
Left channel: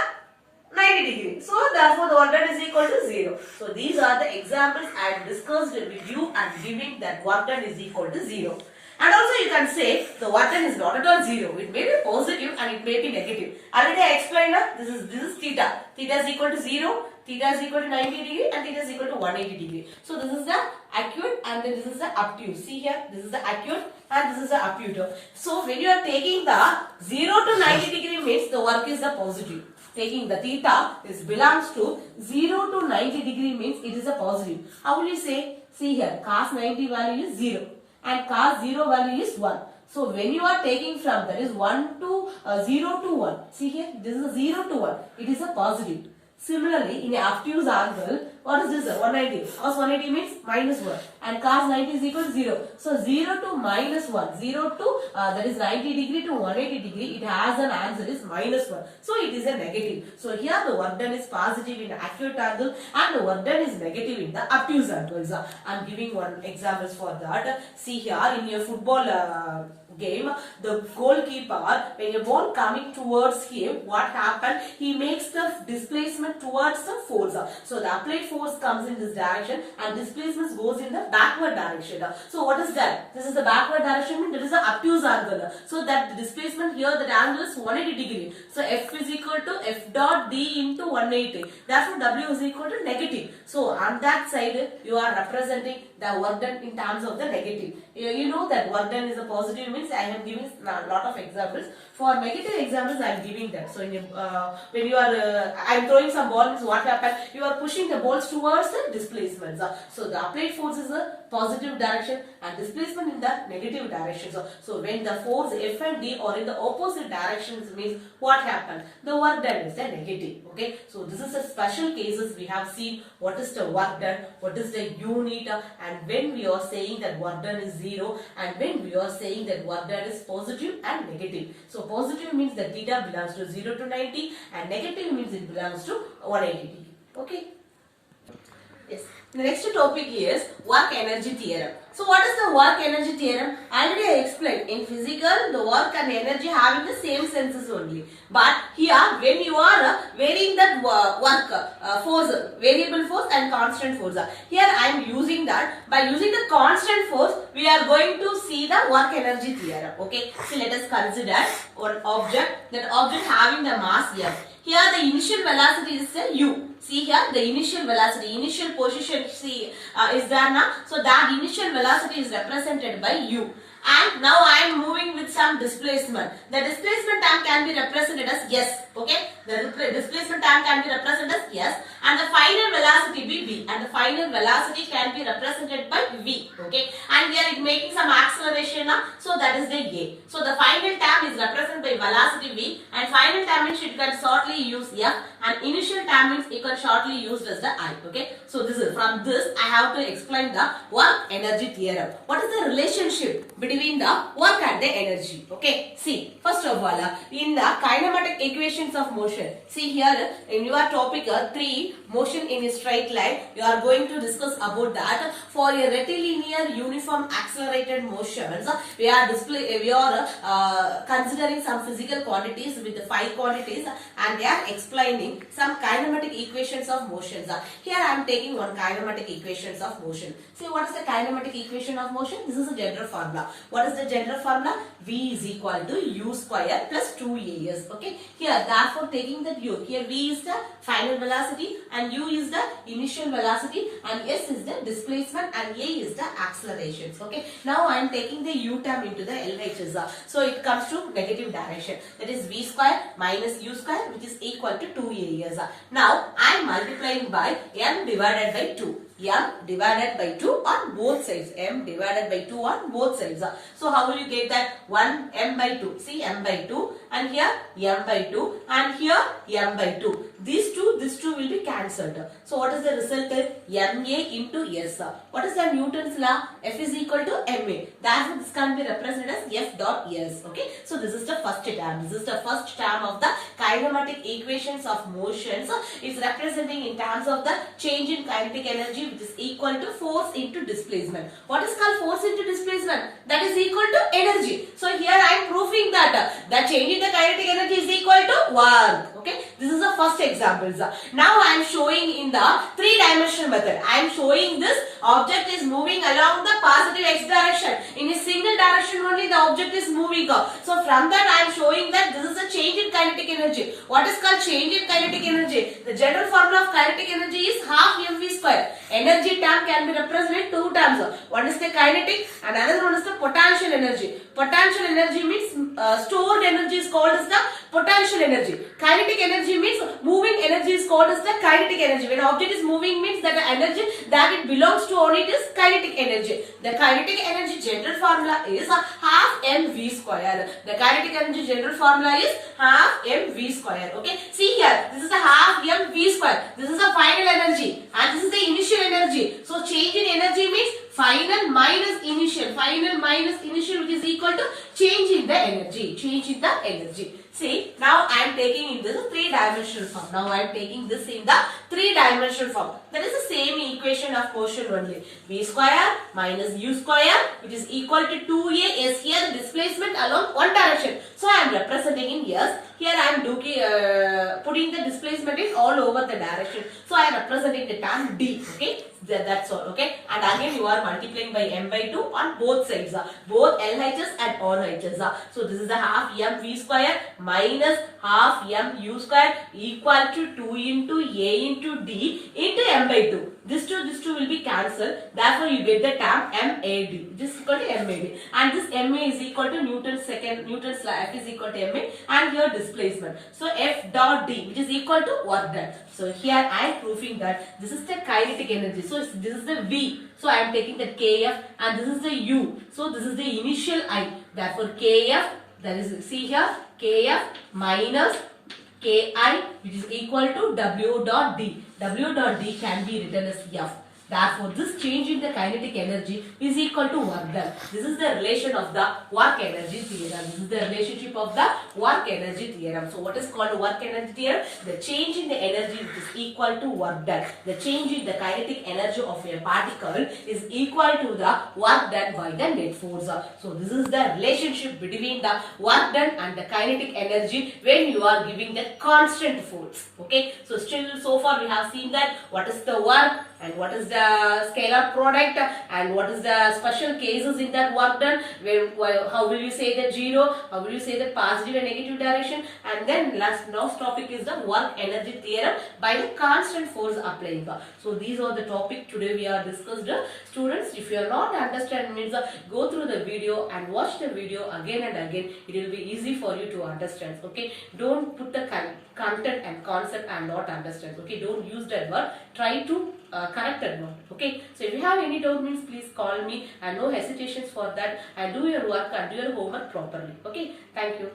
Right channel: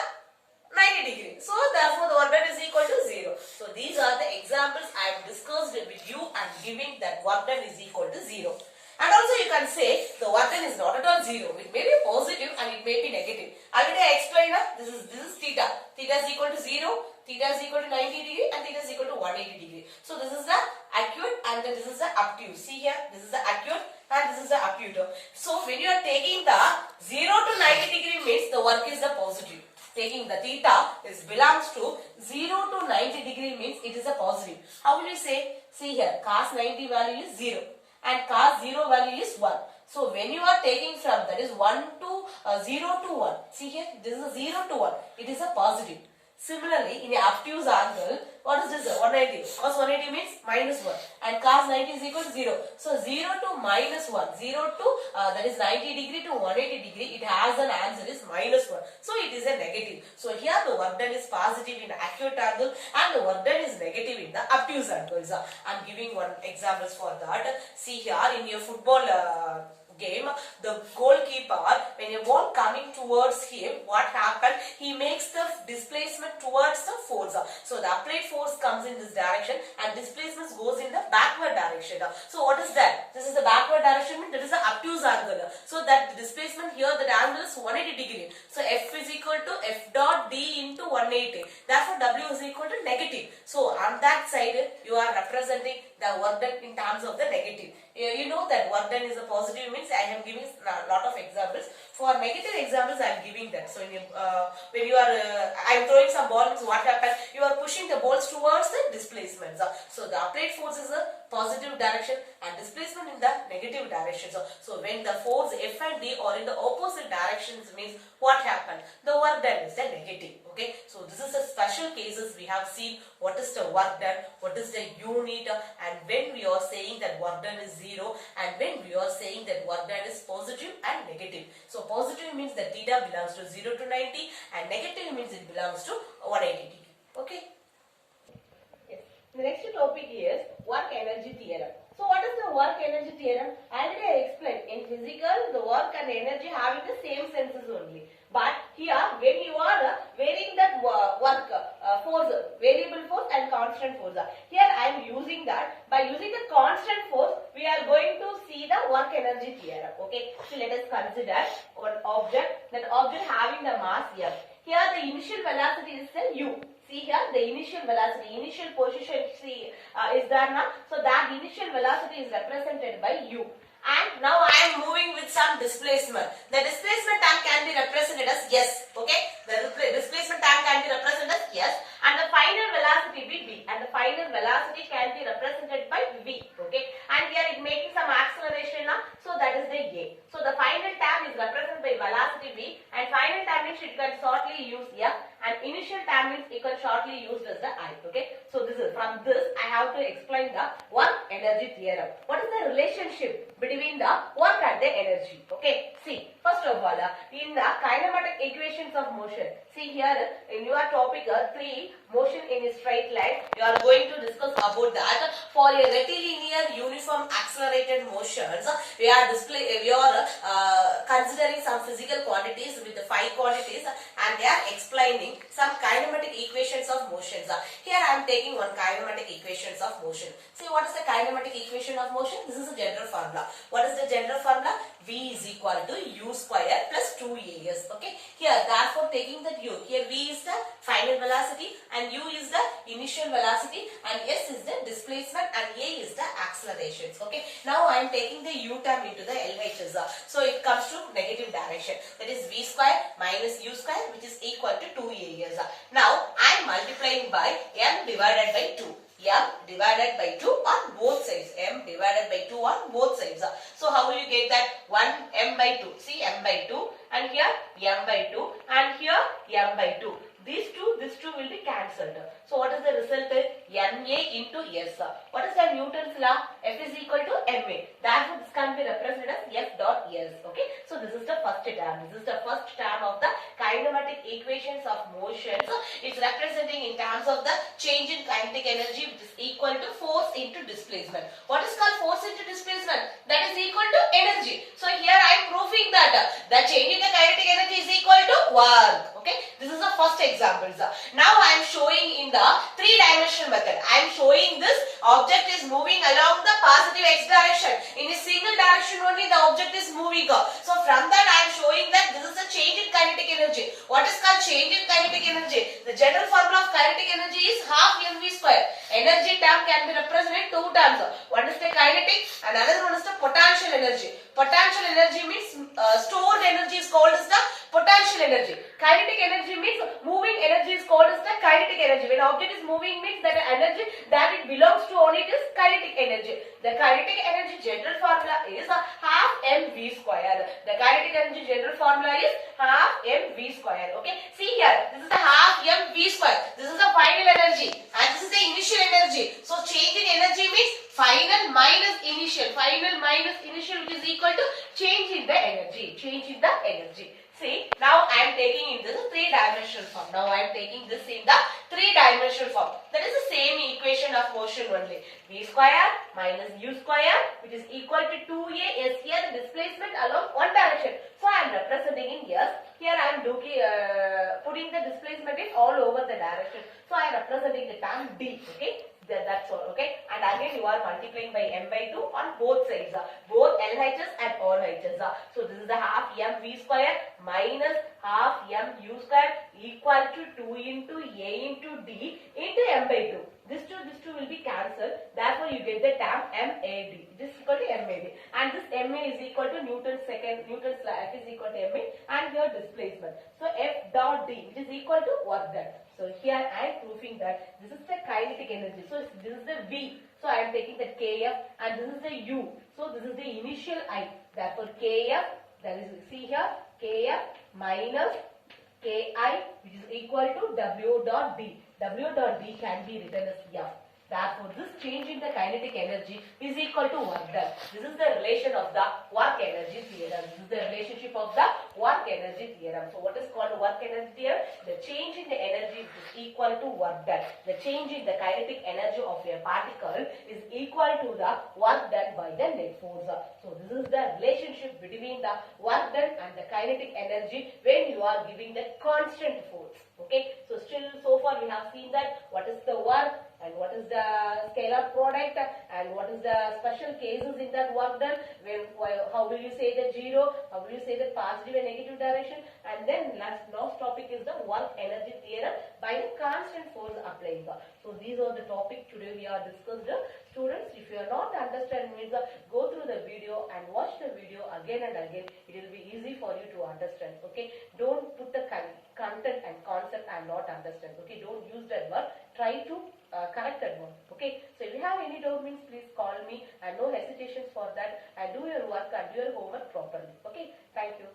90 degree. So therefore the work done is equal to 0. So these are the examples I have discussed with you and giving that work done is equal to 0. And also you can say the work done is not at all 0. It may be positive and it may be negative. Already I explained that this is theta. Theta is equal to 0, theta is equal to 90 degree and theta is equal to 180 degree. So this is the acute and then this is the obtuse. See here, this is the acute, and this is the up term. So when you are taking the 0 to 90 degree means the work is the positive. Taking the theta is belongs to 0 to 90 degree means it is a positive. How will you say? See here, cos 90 value is 0 and cos 0 value is 1. So when you are taking from that is 1 to 0 to 1. See here, this is a 0 to 1. It is a positive. Similarly, in the obtuse angle, what is this? 190. Cos 180 means minus 1 and cos 90 is equal to 0. So 0 to minus 1. 0 to that is 90 degree to 180 degree. It has an answer is minus 1. So it is a negative. So here the work done is positive in the acute angle and the work done is negative in the obtuse angles. I am giving one examples for that. See here in your football game, the goalkeeper, when a ball coming towards him, what happened? He makes the displacement towards the force. So the applied force comes in this direction and displacement goes in the backward direction. So what is that? This is the backward direction, means that is the obtuse angle. So that the displacement here, the angle is 180 degree. So F is equal to F dot D into 180. Therefore W is equal to negative. So on that side, you are representing the work done in terms of the negative. You know that work done is a positive means I am giving a lot of examples. For negative examples, I am giving that. So when you are, I am throwing some balls, what happens? You are pushing the balls towards the displacements. So the applied force is a positive direction and displacement in the negative direction. So when the force F and D are in the opposite directions means what happens? The work done is the negative. Okay. So this is a special cases we have seen what is the work done, what is the unit, and when we are saying that work done is 0 and when we are saying that work done is positive and negative. So positive means that theta belongs to 0 to 90 and negative means it belongs to 180 degree. Okay. Yes. The next topic is work energy theorem. So what is the work energy theorem? Already I explained. In physical, the work and energy having the same senses only. But here, when you are varying that work, force, variable force and constant force. Here I am using that. By using the constant force, we are going to see the work energy theorem. Okay. So let us consider one object. That object having the mass F. Here the initial velocity is u. See here the initial velocity, initial position is there now. So that initial velocity is represented by u. And now I am moving with some displacement. The displacement time can be represented as s. Okay. The displacement time can be represented as s. And the final velocity be v. And the final velocity can be represented by v. Okay. And here it making some acceleration now. So that is the a. So the final time is represented by velocity v. And final time means it can shortly use f. And initial time means it can shortly used as the I. Okay. So this is from this I have to explain the work energy theorem. What is the relationship between the work and the energy? Okay. See, first of all, in the kinematic equations of motion. See here in your topic 3, motion in a straight line. You are going to discuss about that. For a rectilinear uniform accelerated motions, we are considering some physical quantities with the 5 quantities, and they are explaining some kinematic equations of motions. Here I am taking one kinematic equations of motion. See, what is the kinematic equation of motion? This is a general formula. What is the general formula? V is equal to u square plus 2as. Okay. Here, therefore, taking that u. Here v is the final velocity and u is the initial velocity and s is the displacement and a is the accelerations. Okay. Now I am taking the u term into the LHS. So it comes to negative direction. That is v square minus u square, which is equal to 2as. Now I am multiplying by m divided by 2. M divided by 2 on both sides. M divided by 2 on both sides. So how will you get that? 1 m by 2. See, m by 2 and here m by 2 and here m by 2. These two will be cancelled. So what is the result? Ma into s. What is the Newton's law? F is equal to ma. Therefore this can be represented as F dot s. Okay. So this is the first term. This is the first term of the kinematic equations of motion. So it's representing in terms of the change in kinetic energy, which is equal to force into displacement. What is called force into displacement? That is equal to energy. So here I am proving that the change in the kinetic energy is equal to work. Okay. This is the first example. Now I am showing in the 3-dimensional method. I am showing this object is moving along the positive x direction. In a single direction only the object is moving. So from that I am showing that this is a change in kinetic kinetic energy. What is called change in kinetic energy? The general formula of kinetic energy is half mv square. Energy term can be represented two terms. One is the kinetic and another one is the potential energy. Potential energy means stored energy is called as the potential energy. Kinetic energy means moving energy is called as the kinetic energy. When object is moving means that the energy that it belongs to on it is kinetic energy. The kinetic energy general formula is half mv square. The kinetic energy general formula is half mv square. Okay. See here, this is the half mv square. This is the final energy and this is the initial energy. So change in energy means final minus initial. Final minus initial, which is equal to change in the energy. Change in the energy. See, now I am taking in this three-dimensional form. Now I am taking this in the three-dimensional form. That is the same equation of motion only. V square minus u square, which is equal to 2a s. Here the displacement along one direction. So I am representing in years. Here I am putting the displacement in all over the direction. So I am representing the term d. Okay, that's all. Okay, and again you are multiplying by m by 2 on both sides. Both LHS and RHS. So this is the half mv square minus half mu square equal to 2 into a into d into m by 2. This two will be cancelled. Therefore, you get the term MAD. This is equal to MAD. And this MA is equal to Newton's law. F is equal to MA. And here displacement. So, F dot D, which is equal to work done. So, here I am proving that this is the kinetic energy. So, this is the V. So, I am taking the KF and this is the U. So, this is the initial I. Therefore, KF, that is, see here, KF minus Ki, which is equal to W dot D. W dot D can be written as F. Therefore, this change in the kinetic energy is equal to work done. This is the relation of the work energy theorem. This is the relationship of the work energy theorem. So, what is called work energy theorem? The change in the energy is equal to work done. The change in the kinetic energy of a particle is equal to the work done by the net force. So, this is the relationship between the work done and the kinetic energy when you are giving the constant force. Okay. So, still so far we have seen that what is the work and what is the scalar product and what is the special cases in that work done, how will you say that zero, how will you say that positive and negative direction, and then last topic is the work energy theorem by the constant force applying. So these are the topic today we are discussed. Students, if you are not understand means go through the video and watch the video again and again. It will be easy for you to understand. Okay, don't put the content and concept and not understand. Okay, don't use that word. Try to correct that one. Okay, so if you have any doubt means please call me and no hesitations for that, and do your work and do your homework properly. Okay, thank you.